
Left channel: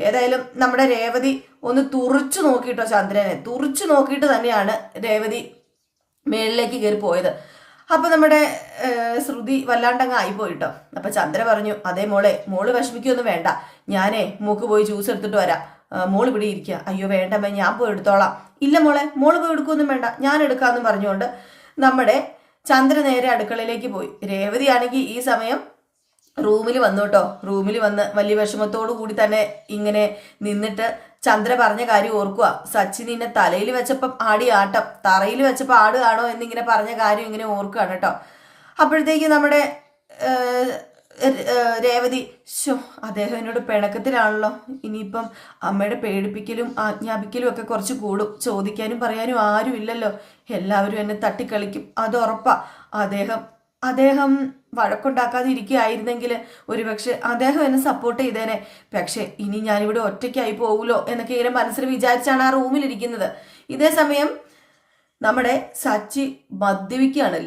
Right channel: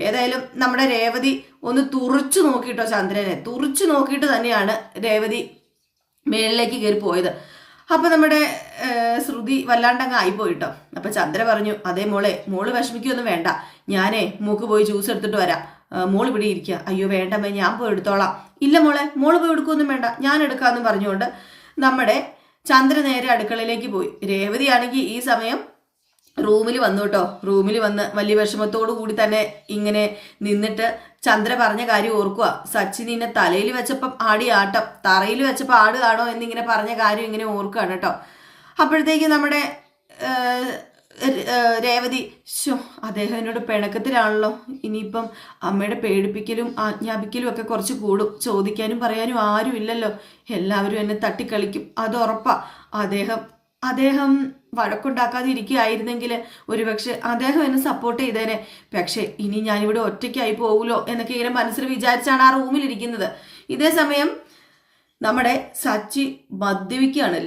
[SPEAKER 1] ഏതായാലും നമ്മുടെ രേവതി ഒന്ന് തുറച്ചു നോക്കിയിട്ടോ ചന്ദ്രനെ. തുറച്ചു നോക്കിയിട്ട് തന്നെയാണ് രേവതി മേളിലേക്ക് കയറി പോയത്. അപ്പൊ നമ്മുടെ ശ്രുതി വല്ലാണ്ടങ്ങ് ആയിപ്പോയിട്ടോ. അപ്പൊ ചന്ദ്ര പറഞ്ഞു അതേ മോളെ മോൾ വിഷമിക്കൊന്നും വേണ്ട. ഞാനേ മൂക്ക് പോയി ജ്യൂസ് എടുത്തിട്ട് വരാം. മോൾ ഇവിടെ ഇരിക്കുക അയ്യോ വേണ്ടമ്മേ ഞാൻ പോയി എടുത്തോളാം. ഇല്ല മോളെ മോൾ പോയി എടുക്കൊന്നും വേണ്ട. ഞാൻ എടുക്കാമെന്ന് പറഞ്ഞുകൊണ്ട് നമ്മുടെ ചന്ദ്ര നേരെ അടുക്കളയിലേക്ക് പോയി. രേവതിയാണെങ്കിൽ ഈ സമയം റൂമിൽ വന്നു കേട്ടോ. റൂമിൽ വന്ന് വലിയ വിഷമത്തോടു കൂടി തന്നെ ഇങ്ങനെ നിന്നിട്ട് ചന്ദ്ര പറഞ്ഞ കാര്യം ഓർക്കുക സച്ചിൻ ഇന്നെ തലയിൽ വെച്ചപ്പം ആടി ആട്ടം തറയിൽ വെച്ചപ്പോൾ ആടുകാണോ എന്നിങ്ങനെ പറഞ്ഞ കാര്യം ഇങ്ങനെ ഓർക്കുകയാണ് കേട്ടോ. അപ്പോഴത്തേക്ക് നമ്മുടെ രേവതി ശോ അദ്ദേഹം എന്നോട് പിണക്കത്തിലാണല്ലോ. ഇനിയിപ്പം അമ്മയുടെ പേടിപ്പിക്കലും ആജ്ഞാപിക്കലും ഒക്കെ കുറച്ച് കൂടും. ചോദിക്കാനും പറയാനും ആരും ഇല്ലല്ലോ എല്ലാവരും എന്നെ തട്ടിക്കളിക്കും. അത് ഉറപ്പാ. അദ്ദേഹം അദ്ദേഹം വഴക്കുണ്ടാക്കാതെ ഇരിക്കുകയായിരുന്നെങ്കിൽ ഒരുപക്ഷെ അദ്ദേഹം എന്നെ സപ്പോർട്ട് ചെയ്തേനെ. പക്ഷെ ഇനി ഞാനിവിടെ ഒറ്റയ്ക്കായി പോകുമല്ലോ എന്നൊക്കെ ഇങ്ങനെ മനസ്സിൽ വിചാരിച്ചാണ് ആ റൂമിലിരിക്കുന്നത് ഇതേ സമയം നമ്മുടെ സച്ചി മദ്യപിക്കുകയാണ്.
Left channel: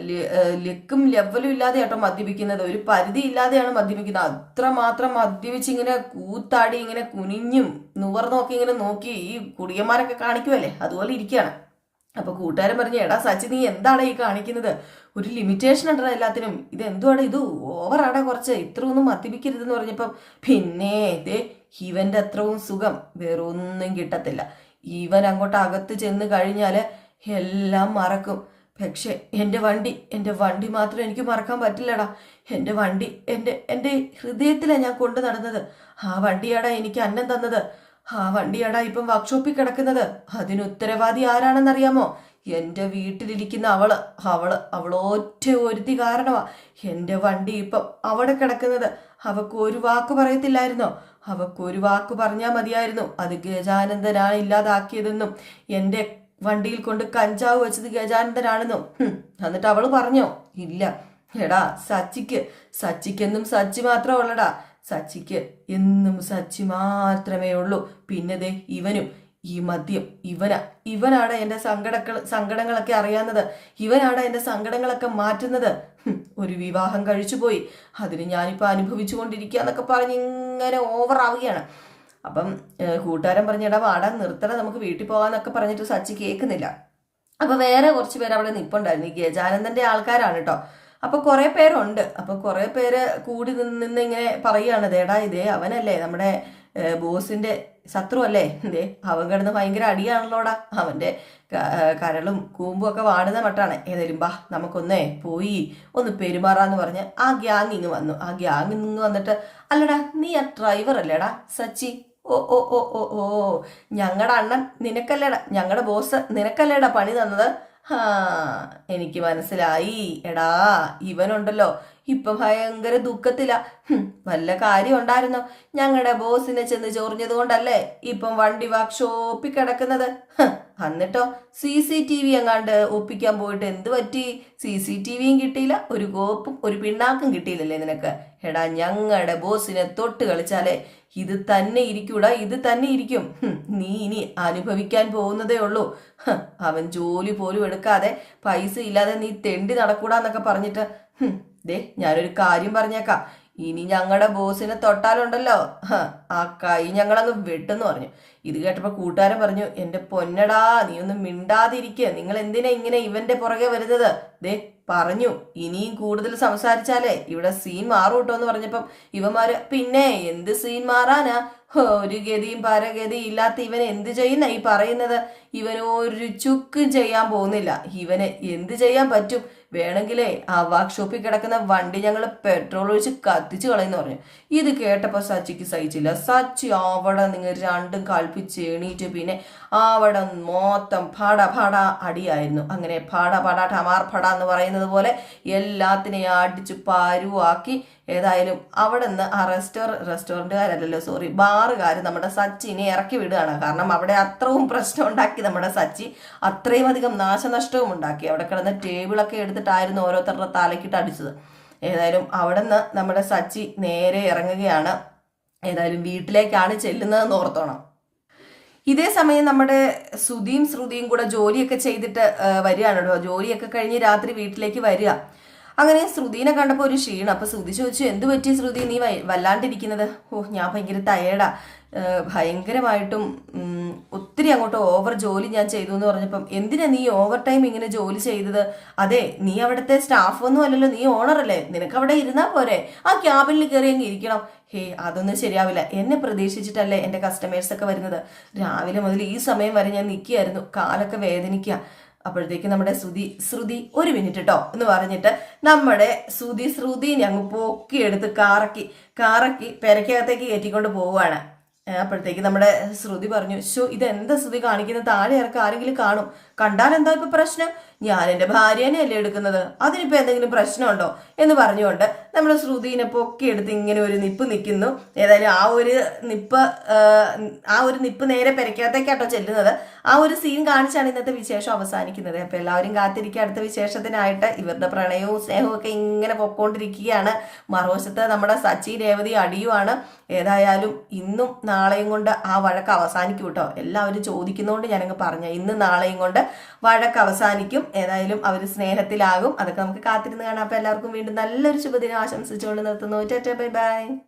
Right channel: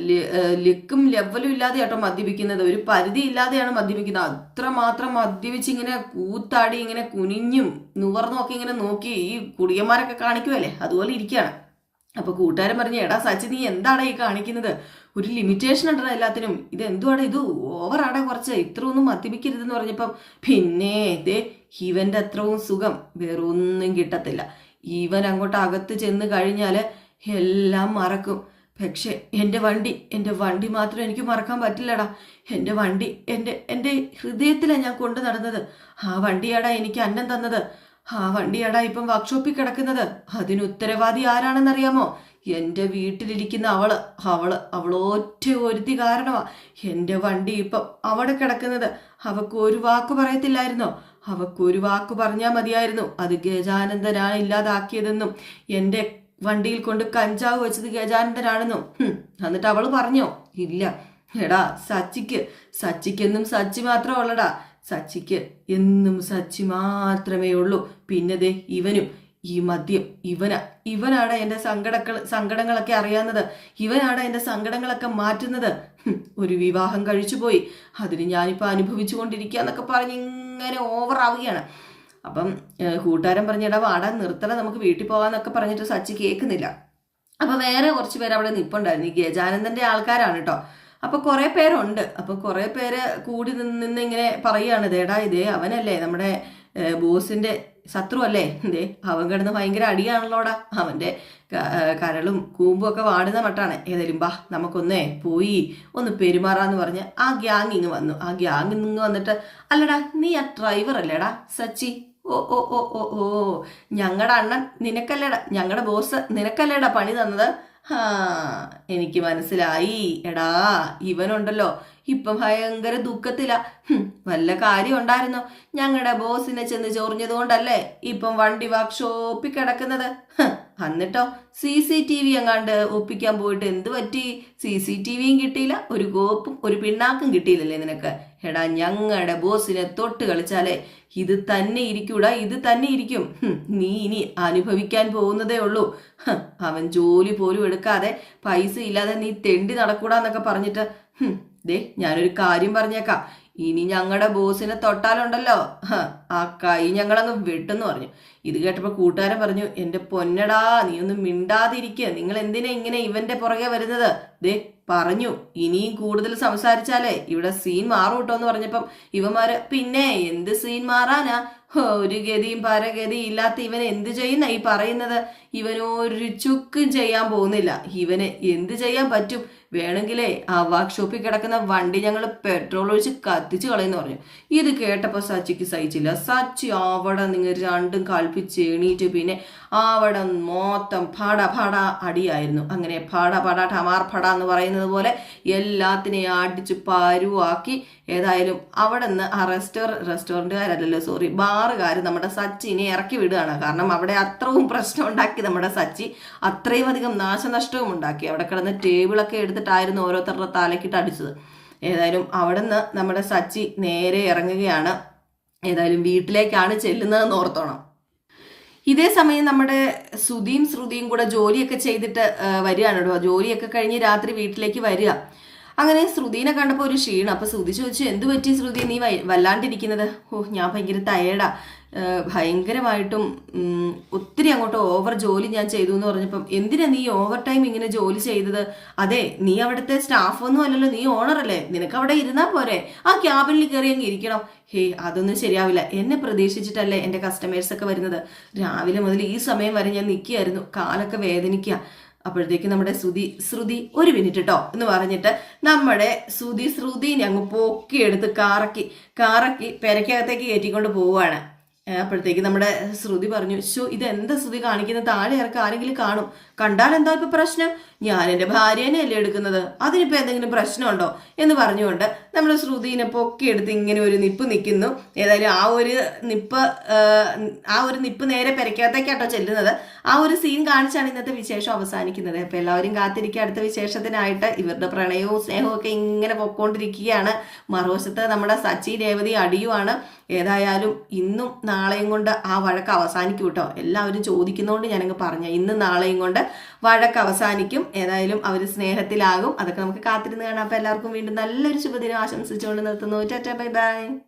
[SPEAKER 1] ലിക്കും ലെവലും ഇല്ലാതെ കേട്ടോ മദ്യപിക്കുന്നത്. ഒരു പരിധി ഇല്ലാതെയാണ് മദ്യപിക്കുന്നത്. അത്രമാത്രം മദ്യപിച്ച് ഇങ്ങനെ കൂത്താടി ഇങ്ങനെ കുനിഞ്ഞും നുവർന്നൊക്കെ ഇങ്ങനെ നോക്കി ഈ കുടിയന്മാരൊക്കെ കാണിക്കുമല്ലേ അതുപോലെ ഇരിക്കുകയാണ്. അപ്പൊ കൂട്ടുകാരൻ പറഞ്ഞു എടാ സച്ചി നീ എന്താണ് ഈ കാണിക്കുന്നത്? ഒരു ലിമിറ്റേഷൻ ഉണ്ടോ എല്ലാത്തിനും. ഇത് എന്തുവാണ് ഇത് ഓവറാടാ കുറച്ച്. ഇത്ര ഒന്നും മദ്യപിക്കരുതെന്ന് പറഞ്ഞപ്പം പിന്നെ ദേ ഇവന്റെ അത്രവും സുഖം വേറെ ഒന്നും കിട്ടത്തില്ല. ഇവൻ അങ്ങോട്ട് അകത്ത് ചെന്ന് കഴിഞ്ഞാൽ എല്ലാം മറക്കും. പക്ഷെ എന്റെ വണ്ടി എന്റെ വണ്ടി മാത്രം എനിക്ക് മറക്കാൻ പറ്റില്ലടാ. എന്റെ വണ്ടി എന്റെ എന്റെ ഹൃദയത്തിലാണ് ഞാൻ കൊണ്ടു നടന്നത്. ആ വണ്ടിയാടാ എനിക്ക് അന്നം തന്നത്. ആ വണ്ടിയാടാ ഇപ്പം വർക്ക്ഷോപ്പിൽ കിടക്കുന്നത്. അതിന് ഉത്തരവാദി ആരാണെന്നറിയാമോ? എന്റെ വീട്ടിലിരിക്കുന്ന അവൾ അവൾ അവളൊറ്റ ഒരുത്തി കാരണമാ എന്റെ വണ്ടി ഇപ്പം അവിടെ കിടക്കുന്നത്. അവക്ക് ഒരു വാക്ക് പറയത്തില്ലായിരുന്നോ? അവക്ക് ഒരു വാക്ക് പറഞ്ഞാൽ മതിയായിരുന്നു. അത് ഗജാനന്ദനാണ് ഇല്ലാതാക്കിയതെന്നും എന്റെ വണ്ടിയിൽ കൊണ്ട് കഞ്ചാവ് വെച്ചത് ഗജാനന്ദനാണെന്നും. എന്നിട്ട് അവൾ പറഞ്ഞോ? ഇല്ല. എടാ സച്ചിക്ക്. സച്ചിക്കെന്നും സച്ചി മാത്രമുള്ളടാ സച്ചിക്ക് എന്നും സച്ചി മാത്രമേ ഉള്ളൂ. പിന്നതേ ഇവനും. ഈ മദ്യം ഇവന ഇവനാണ് എന്റെ സങ്കടക്ക സങ്കടങ്ങളൊക്കെ അറിയാവുന്നത് ഇവനാണ് എന്റെ സങ്കടങ്ങളൊക്കെ മാറ്റുന്നത്. ഒരു വിവാഹം കഴിച്ചു പോയി. അതിന് ഞാനിപ്പോൾ അനുഭവിച്ചു കൊണ്ടിരിക്കുക എന്നൊക്കെ പറഞ്ഞ് ഇങ്ങനെ ഓവർ ആവുകയാണ്. അപ്പം കൂട്ടുകാരൻ പറഞ്ഞിടാ വാടാ നിർത്തണം നമുക്ക് വീട്ടിൽ പോകാന്നൊക്കെ പറഞ്ഞിട്ട് സച്ചി കേൾക്കുന്നില്ല അപ്പോൾ വേറെ കുറച്ച് പേര് അവിടെ നിപ്പുണ്ടായിരുന്നു. ഈ ഗജാനന്ദന്റെ ആൾക്കാരാണ് കേട്ടോ അപ്പൊ കുറെ പേരുണ്ട്. അപ്പൊ കുറെ പേര് കൂടി നിന്ന് ഇങ്ങനെ പറയുകയാണ്. ദേടാ ഇതേ അവനല്ലേ നമ്മുടെ ബോസിന്റെ ശത്രു അല്ലേ എന്തേ അവൻ കിടന്ന് ഭയങ്കര അടിയാണല്ലോടാ. അവന്റെ കരളും കൂമ്പും ഒക്കെ വാടുന്ന മട്ടാണ്. ഏതായാലും ബാ നമുക്കൊന്നേ പോയി ഒന്ന് പെരുമാറാന്ന് പറഞ്ഞ് ആ ഗ്യാങ് ഇങ്ങ് വന്നു. ആ ഗ്യാങ് ഇങ്ങ് വന്നിട്ട് അല്ലടാ നീ ആ ഡ്രൈവർ അല്ലേടാ സച്ചി? ഓ ഓ ഓ ഓ ഓ ഞങ്ങളുടെ അണ്ണൻ നിനക്കല്ലേടാ ഞങ്ങളുടെ ബോസ് നിനക്കല്ലേടാ പണി തന്നത്? എനിക്ക് മനസ്സിലായി. എടാ ഇവനുണ്ടല്ലോ. ഇപ്പൊ ഭയങ്കര ദുഃഖത്തില. വല്ല കാര്യം ഉണ്ടായിരുന്നോ? ഞങ്ങളുടെ ബോസിനെ ചെന്ന് ചൊറിഞ്ഞത് കൊണ്ടല്ലേ ഇപ്പം വണ്ടി വർക്ക്ഷോപ്പിൽ കിടക്കുന്നത്. എന്നിട്ടോ? സി സി ടി വി എങ്ങാണ്ട് ഒപ്പിക്കാൻ പോയിട്ട് എന്ത് പറ്റി? സി സി ടി വിയും കിട്ടിയില്ല ഒരു കോപ്പും ഒരു പിണ്ണാക്കും കിട്ടിയില്ലല്ലേ നിനക്ക്? എടാ ഞങ്ങളുടെ ബോസിനെ തൊട്ട് കളിച്ചാലേ ഇത് തന്നെ ഇരിക്കൂടാ ഇത് തന്നെ ഇരിക്കും. നീ ഇനി അനുഭവിക്കാൻ പോകുന്നതേ ഉള്ളൂ. അവൻ ജോലി പോലും എടുക്കാതെ പൈസ ഇല്ലാതെ നീ തെണ്ടി നടക്കൂടാന്നൊക്കെ പറഞ്ഞിട്ട് ദേ ഞാനൊരു കാര്യം പറഞ്ഞേക്കാം. ഇനി ഞങ്ങളുടെ ബോസിനെ തൊട്ടാലുണ്ടല്ലോ. ആ കൈ ഞങ്ങളങ്ങ് വെട്ടെന്ന് പറഞ്ഞു. ഇത് കേട്ടപ്പോ കൂട്ടുകാരൻ പറഞ്ഞു എന്റെ പൊന്നടാ നീ ഒന്നും മിണ്ടാതിരിക്കുക നിങ്ങൾ എന്തിനാ ഇങ്ങനെ ഇവന്റെ പുറകെ വരുന്നത്? ദേ പറഞ്ഞു ഇനിയും കൂടുതൽ സംസാരിച്ചാലേ ഇവിടെ സീൻ മാറും കേട്ടോ എന്ന് പറഞ്ഞപ്പം ഇവന്മാര് പിന്നെ എന്ത് സീൻ മാറാനാ? ഒരു ഗതിയും പരഗതിയും ഇല്ലാത്ത ഇവൻ എന്ത് ചെയ്യുന്ന ഈ പറയുന്നത്? ഇവന് ഒരു ചുക്കും ചെയ്യാൻ പോകുന്നില്ല. ഇവന് എന്ത് ചെയ്യാൻ പറ്റും? വേണമെങ്കിലേ ആ വർക്ക്ഷോപ്പിൽ കിടക്കുന്ന വണ്ടി ഞങ്ങൾ പെട്രോൾ ഒഴിച്ച് കത്തിച്ച് കളയെന്ന് പറഞ്ഞു. ഇത് കേട്ടപ്പോൾ സച്ചിക്ക് സഹിച്ചില്ല. സച്ചി അവിടെ നിങ്ങൾ രണ്ടും കളിപ്പിച്ച് എണീറ്റ് പിന്നെ അവിടെ മൊത്തം ഫട ഫട അടിയായിരുന്നു. അങ്ങനെ ഫട ഫട ടമാർ ഫട എന്ന് പറയുന്നത് പോലെ എല്ലാത്തിനെയും അടിച്ച് പരുവാക്കി ഏതായാലും അവിടെ നിന്ന് ആ റെസ്റ്റോർ റെസ്റ്റോറന്റുകാരല്ലല്ലോ സോറി ബാറുകാർ നമ്മുടെ സച്ചിനെ ഇറക്കി വിടുകയാണ്. കാരണം അവിടെ അത്രയും പ്രശ്നം ഉണ്ടാക്കി നമ്മുടെ സച്ചി അത്രയും അധികം നാശനഷ്ടവും ഉണ്ടാക്കി. അവിടെ കിടന്ന് ടേബിളൊക്കെ എടുത്തിട്ടായിരുന്നു ഓരോരുത്തരുടെ തലക്കിട്ട് അടിച്ചത്. ഏതായാലും അവിടെ നിന്ന് നമ്മുടെ സച്ചി നേരെ ഇറങ്ങുകയാണ്. ഏതായാലും വീട്ടിലേക്കാണ് ചെല്ലുന്നതെന്ന് ഓർത്തോണം. ഇതേ സമയം നമ്മുടെ സുധീം ശ്രുതിയും കൂടെ ജോലിയൊക്കെ ചെയ്തിട്ട് വരികയാണ് കേട്ടോ. ജോലിയൊക്കെ കഴിഞ്ഞ് രാത്രി വീട്ടിലേക്ക് വരിക. അങ്ങനെ ശ്രുതിനെ കണ്ടപ്പോൾ ഒരു ക്ഷീണം. അപ്പൊ ശ്രുതി ചോദിച്ചു എന്ത് പറ്റി ശ്രുതി? നീ വല്ലാണ്ടിരിക്കുന്നത്? ഓ ഞാൻ ഭയങ്കര ഏഹ് ഭയങ്കരമായിട്ടും ഒത്തിരി അങ്ങോട്ട് ഓവർ ജോലി ഞാൻ ചെയ്തു എന്ന് പറഞ്ഞപ്പം എന്തിനാ നീ ഓവർ ടൈം ഇങ്ങനെ ജോലി ചെയ്തത്? അതെ നീ അവിടുത്തെ സ്റ്റാഫ് ഒന്നും അല്ലല്ലോ നീ ഓണർ അല്ലേ. നിനക്ക് അവിടെ ഇരുന്നാൽ പോരെ. ആ ക്യാബിനിൽ കയറി അങ്ങ് ഇരിക്കണം. ഹേ അതൊന്നും ശരിയാവില്ല. എന്നെ പ്രതീക്ഷിച്ചിട്ടല്ലേ എന്റെ കസ്റ്റമേഴ്സ് ഒക്കെ വരുന്നത്. രാവിലെ മുതൽ ഈ സമയം വരെ ഞാൻ നിൽക്കുകയായിരുന്നു. കാലൊക്കെ വേദനിക്കുക. അപ്പോഴത്തേക്ക് നമ്മുടെ ശ്രുതി ശ്രുതി ഒരു മിനിറ്റ് കേട്ടോ എന്ന് പറഞ്ഞിട്ട് നമ്മുടെ ശ്രുതി ശ്രുതിനെ അങ്ങ് പൊക്കിയെടുത്ത് കാറക്കി കാറക്കി പെരക്കകത്തേക്ക് കയറ്റിക്കൊണ്ട് പോവുകയാണ്. അപ്പോഴത്തേക്ക് നമ്മുടെ ശ്രുതി പറഞ്ഞു ഇത് എന്താ ശ്രുതി കാണിക്കുന്നത്? താഴെ ഇറക്കം ആരെങ്കിലും കാണും. കണ്ടാൽ എന്താ ഇപ്പൊ പ്രശ്നം? ഞാൻ എന്റെ ഭാര്യേനെ അല്ലേ എടുക്കുന്നത്? അതിനിപ്പോ എന്തെങ്കിലും പ്രശ്നമുണ്ടോ? എന്ന് പറഞ്ഞുകൊണ്ട് നമ്മുടെ ശ്രുതിനെ പൊക്കിയെടുത്ത് ഇങ്ങനെ ഒരു നിപ്പ് നിൽക്കുന്നു. ഏതായാലും ആ ഒരു നിപ്പ് ആ, ഒരു നിപ്പ് നേരെ പെരക്കകത്തേക്കാട്ടോ ചെല്ലുന്നത്. ആ ഒരു സീൻ കാണിച്ചാണ് ഇന്നത്തെ വിശേഷം അവസാനിക്കുന്നത്. അപ്പോൾ എല്ലാവരും കാത്തിരിക്കുക. അടുത്ത വിശേഷത്തിനായിട്ട് ഇവരുടെ പ്രണയവും സ്നേഹവും ഒക്കെ ഇങ്ങനെ പൊക്കോണ്ടിരിക്കുകയാണ്. മറുവശത്ത് നമ്മുടെ സച്ചി രേവതി അടിയുമാണ്. ഏതായാലും ഇന്നും നാളെയും കൊണ്ട് ആ വഴക്ക് അവസാനിക്കും കേട്ടോ. എല്ലാവരും ചോദിക്കുന്നതുകൊണ്ട് ഞാനങ്ങ് പറഞ്ഞു ഇന്നും നാളെയും കൊണ്ട് വഴക്ക് അവസാനിക്കും. ഏതായാലും അവർ സ്നേഹത്തിലാകും. അതൊക്കെ നമുക്ക് കാത്തിരുന്ന് കാണാം. അപ്പൊ എല്ലാവർക്കും വീണ്ടും നല്ലൊരു ശുഭദിനം ആശംസിച്ചുകൊണ്ട് നിർത്തുന്നു. ചേട്ടാ ബൈ ബൈ.